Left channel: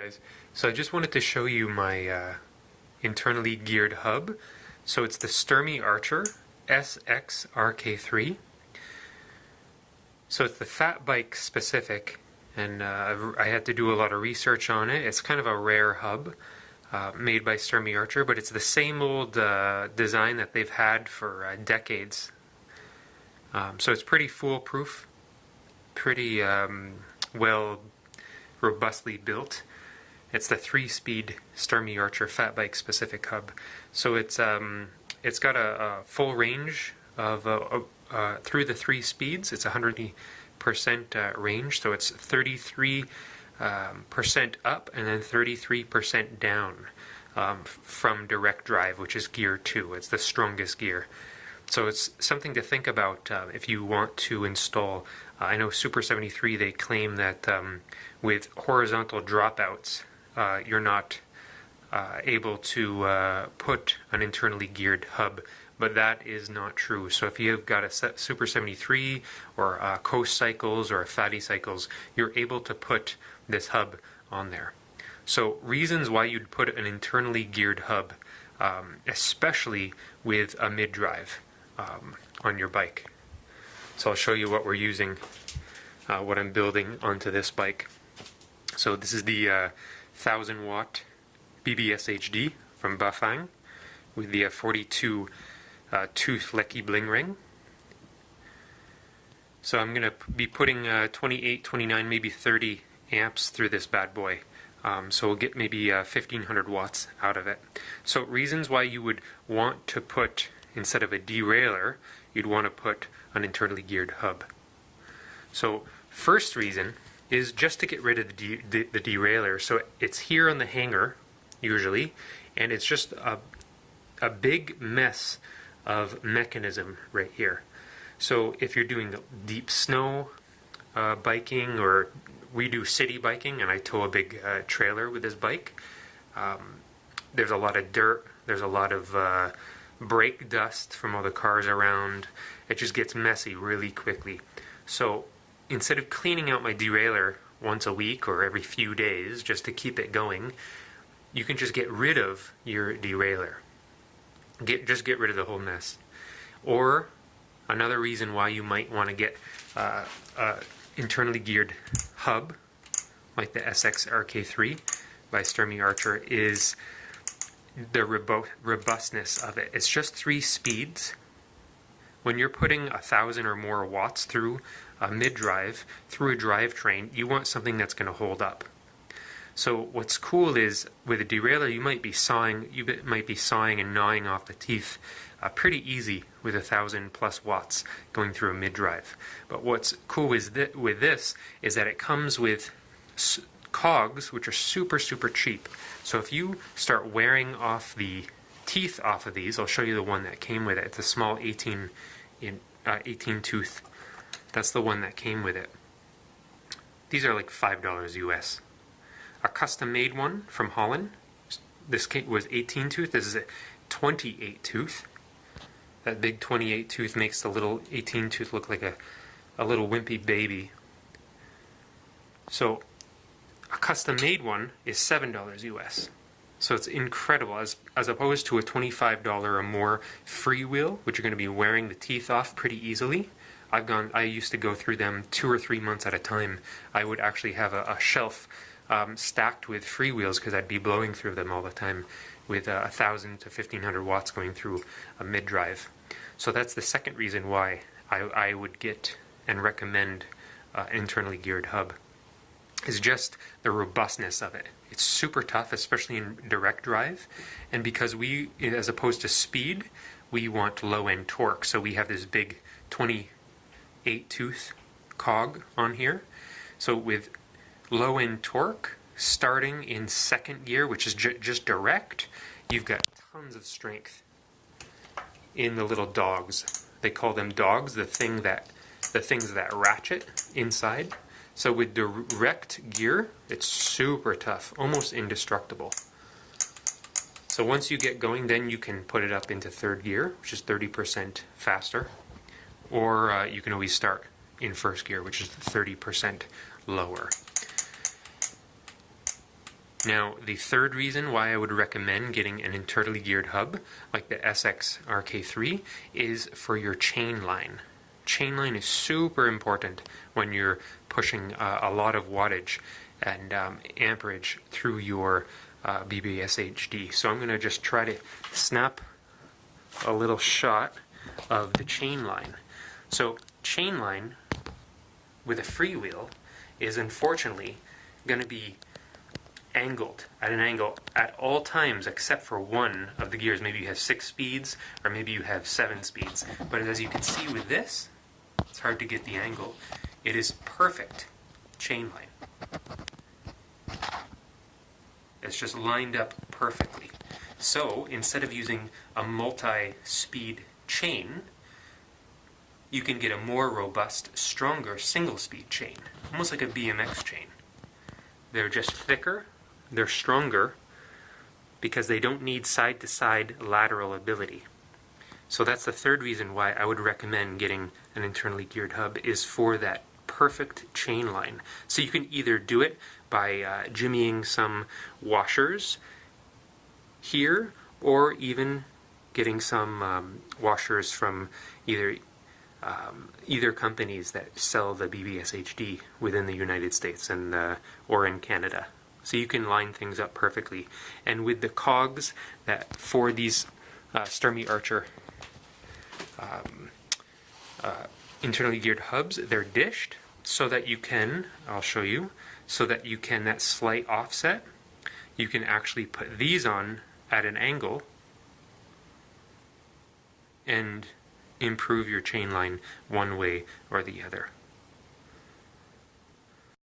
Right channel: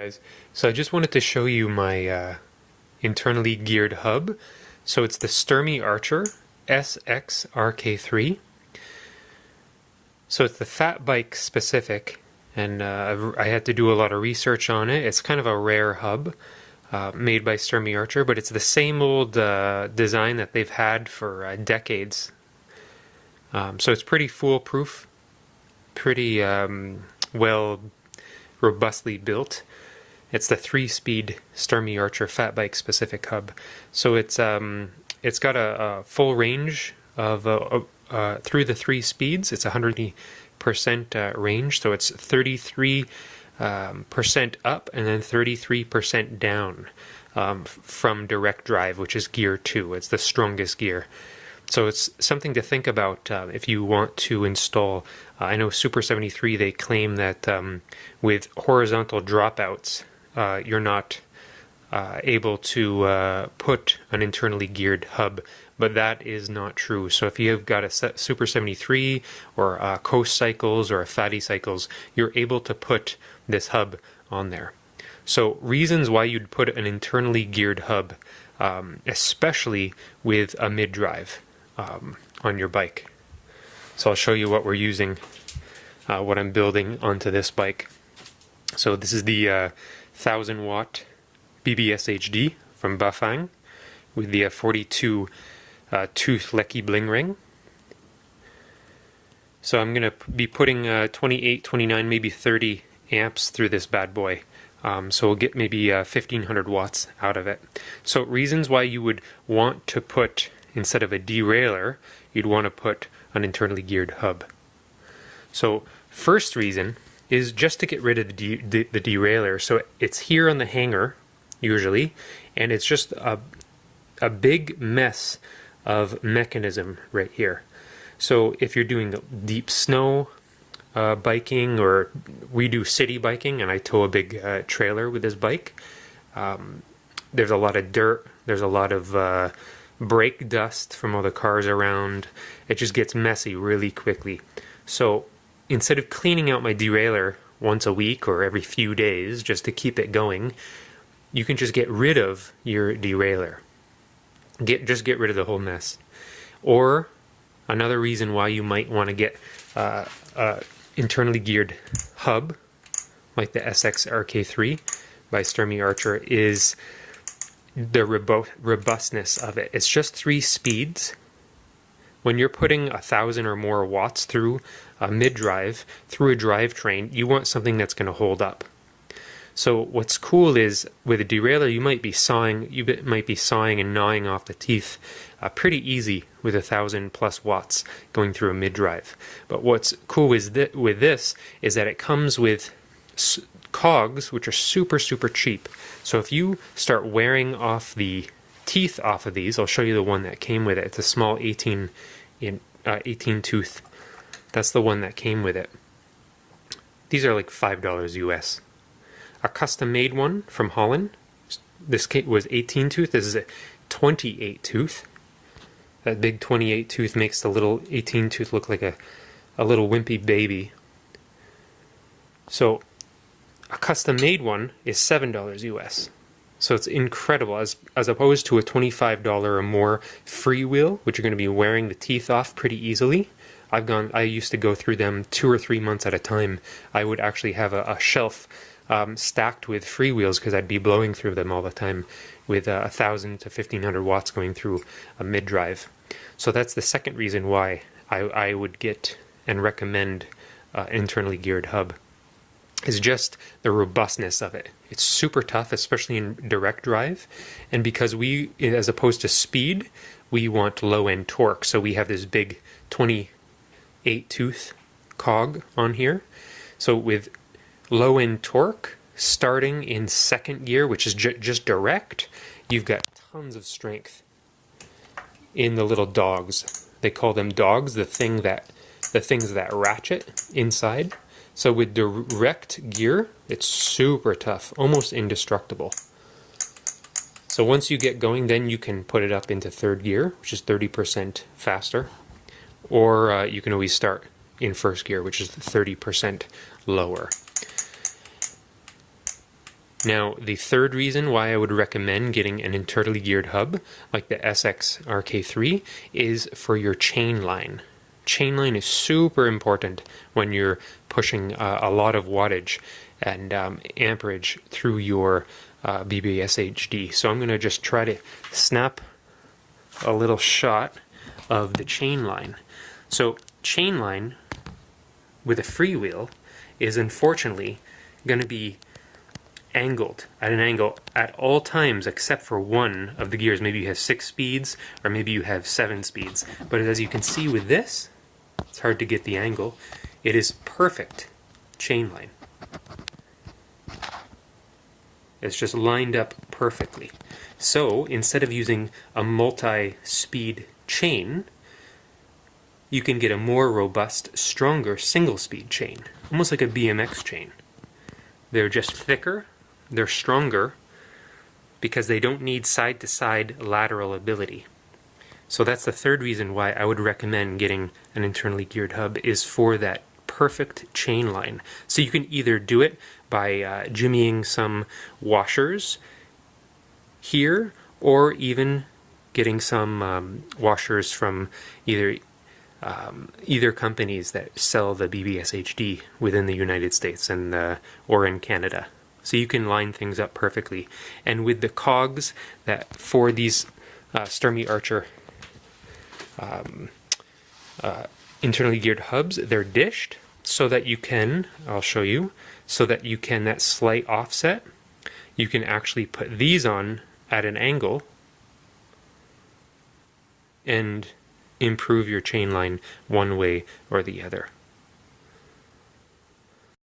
Guys, so I just wanted to show you my internally geared hub. So it's the Sturmey-Archer SX-RK3. So it's the fat bike specific, and I had to do a lot of research on it. It's kind of a rare hub made by Sturmey-Archer, but it's the same old design that they've had for decades. So it's pretty foolproof, pretty well robustly built. It's the 3-speed Sturmey-Archer fat bike specific hub. So it's got a full range of through the 3 speeds. It's 100% range, so it's 33% up and then 33% down from direct drive, which is gear 2. It's the strongest gear. So it's something to think about if you want to install. I know Super 73, they claim that with horizontal dropouts, you're not able to put an internally geared hub, but that is not true. So if you have got a Super 73 or Coast Cycles or a Fatty Cycles, you're able to put this hub on there. So reasons why you'd put an internally geared hub, especially with a mid-drive on your bike. So I'll show you what we're using, what I'm building onto this bike. So this is the 1000 watt BBS HD from Bafang with the 42 tooth Lecky bling ring. So I'm going to be putting 28, 29, maybe 30 amps through this bad boy. So we'll get maybe 1500 watts out of it. So reasons why you would want to put, instead of a derailleur, you'd want to put an internally geared hub. So first reason is just to get rid of the derailleur. So it's here on the hanger usually, and it's just a big mess of mechanism right here. So if you're doing deep snow biking, or we do city biking and I tow a big trailer with this bike, there's a lot of dirt, there's a lot of brake dust from all the cars around. It just gets messy really quickly. So instead of cleaning out my derailleur once a week or every few days just to keep it going, you can just get rid of your derailleur. Just get rid of the whole mess. Or another reason why you might want to get internally geared hub like the SX-RK3 by Sturmey-Archer is the robustness of it. It's just 3 speeds. When you're putting 1000 or more watts through a mid-drive, through a drivetrain, you want something that's going to hold up. So what's cool is with a derailleur, you might be sawing and gnawing off the teeth pretty easy with 1000 plus watts going through a mid-drive. But what's cool with this is that it comes with cogs, which are super cheap. So if you start wearing off the teeth off of these, I'll show you the one that came with it. It's a small 18 tooth. That's the one that came with it. These are like $5 US. A custom made one from Holland, this was 18 tooth. This is a 28 tooth. That big 28 tooth makes the little 18 tooth look like a little wimpy baby. So a custom made one is $7 US. So it's incredible, as opposed to a $25 or more freewheel, which you're going to be wearing the teeth off pretty easily. I used to go through them 2 or 3 months at a time. I would actually have a shelf stacked with freewheels because I'd be blowing through them all the time with 1000 to 1500 watts going through a mid-drive. So that's the second reason why I would get and recommend internally geared hub, is just the robustness of it. It's super tough, especially in direct drive, and because we, as opposed to speed, we want low-end torque, so we have this big 28 tooth cog on here. So with low-end torque, starting in second gear, which is just direct, you've got tons of strength in the little dogs. They call them dogs, the things that ratchet inside. So with direct gear, it's super tough, almost indestructible. So once you get going, then you can put it up into third gear, which is 30% faster, or you can always start in first gear, which is 30% lower. Now, the third reason why I would recommend getting an internally geared hub like the SX-RK3 is for your chain line. Chainline is super important when you're pushing a lot of wattage and amperage through your BBSHD. So I'm going to just try to snap a little shot of the chain line. So chain line with a freewheel is unfortunately going to be angled at an angle at all times except for one of the gears. Maybe you have 6 speeds or maybe you have 7 speeds. But as you can see with this, it's hard to get the angle. It is perfect chain line. It's just lined up perfectly. So instead of using a multi-speed chain, you can get a more robust, stronger single-speed chain, almost like a BMX chain. They're just thicker, they're stronger, because they don't need side-to-side lateral ability. So that's the third reason why I would recommend getting an internally geared hub, is for that perfect chain line. So you can either do it by jimmying some washers here, or even getting some washers from either companies that sell the BBSHD within the United States and or in Canada. So you can line things up perfectly. And with the cogs that for these Sturmey-Archer internally geared hubs, they're dished so that you can, I'll show you, so that you can, that slight offset, you can actually put these on at an angle and improve your chain line one way or the other.